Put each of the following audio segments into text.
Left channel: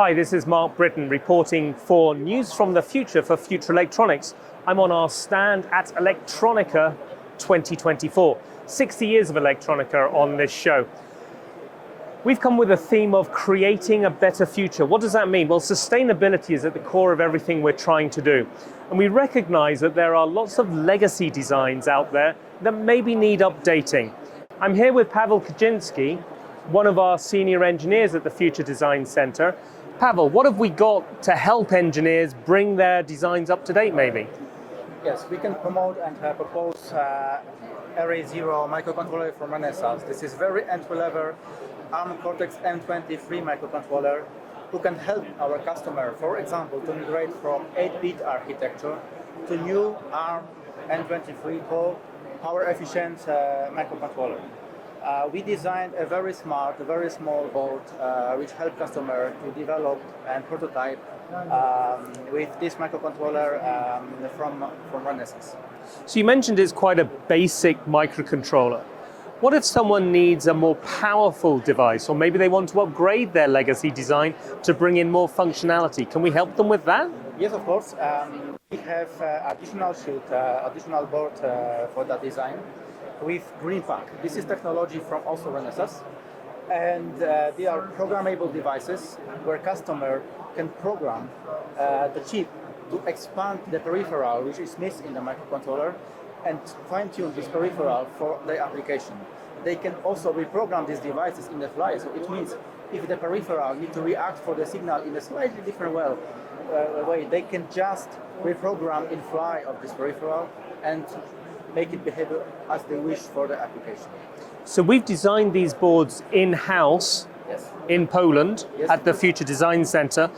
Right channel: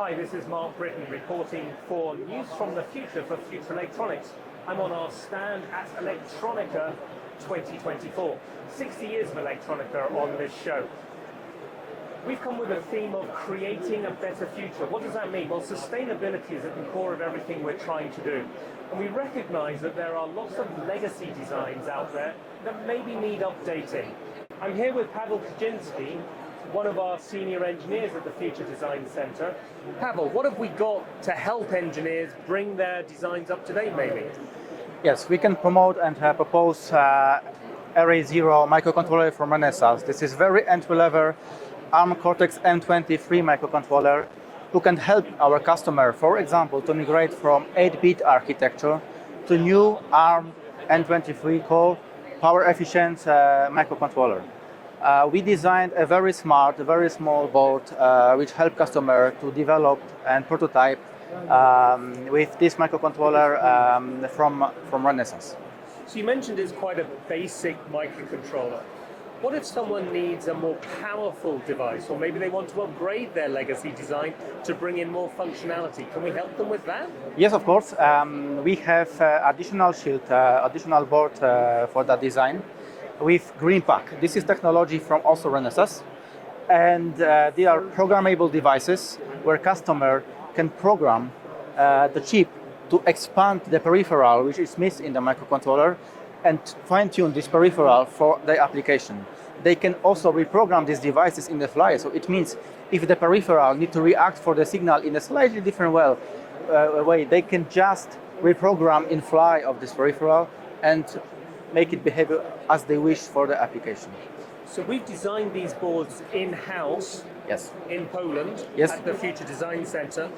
Hi, this is Mark Britton reporting for News from the Future for Future Electronics. I'm on our stand at Electronica 2024. 60 years of Electronica on this show. We've come with a theme of creating a better future. What does that mean? Well, sustainability is at the core of everything we're trying to do. And we recognize that there are lots of legacy designs out there that maybe need updating. I'm here with Pavel Kaczynski, one of our senior engineers at the Future Design Center. Pavel, what have we got to help engineers bring their designs up to date, maybe? Yes, we can promote and propose Array Zero microcontroller from Renesas. This is very entry-level ARM Cortex-M23 microcontroller who can help our customer, for example, to migrate from 8-bit architecture to new ARM M23 core power-efficient microcontroller. We designed a very smart, a very small board which help customer to develop and prototype with this microcontroller from Renesas. So you mentioned it's quite a basic microcontroller. What if someone needs a more powerful device, or maybe they want to upgrade their legacy design to bring in more functionality? Can we help them with that? Yes, of course. We have additional shield, additional board for that design with Green Pack. This is technology from also Renesas, and they are programmable devices where customer can program the chip to expand the peripheral which is missed in the microcontroller and fine-tune this peripheral for the application. They can also reprogram these devices in the fly. So it means if the peripheral need to react for the signal in a slightly different way, they can just reprogram in fly of this peripheral and make it behave as they wish for the application. So we've designed these boards in-house, yes, in Poland, yes, at the Future Design Center.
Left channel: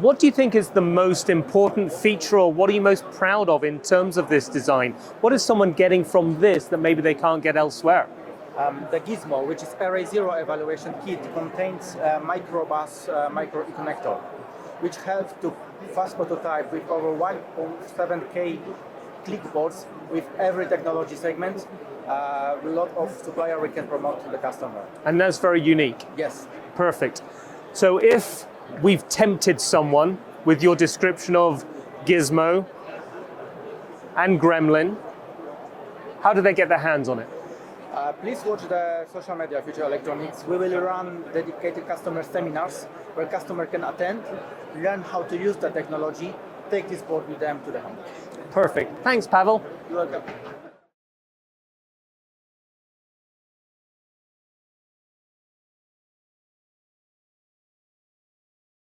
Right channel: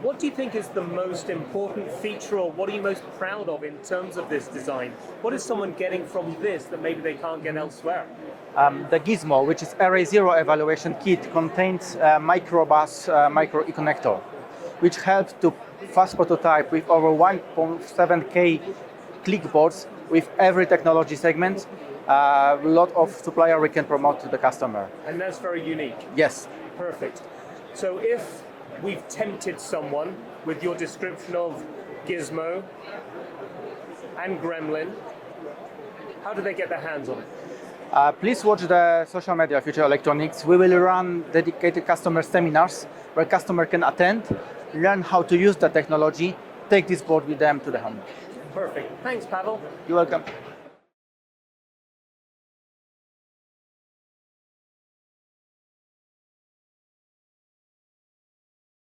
What do you think is the most important feature, or what are you most proud of in terms of this design? What is someone getting from this that maybe they can't get elsewhere? The Gizmo, which is Array Zero evaluation kit, contains a microbus micro connector, which helps to fast prototype with over 1.7K clickboards with every technology segment. A lot of supplier we can promote to the customer. And that's very unique. Yes. Perfect. So if we've tempted someone with your description of Gizmo and Gremlin, how do they get their hands on it? Please watch the social media Future Electronics. We will run dedicated customer seminars where customer can attend, learn how to use the technology, take this board with them to the home. Perfect. Thanks, Pavel. You're welcome.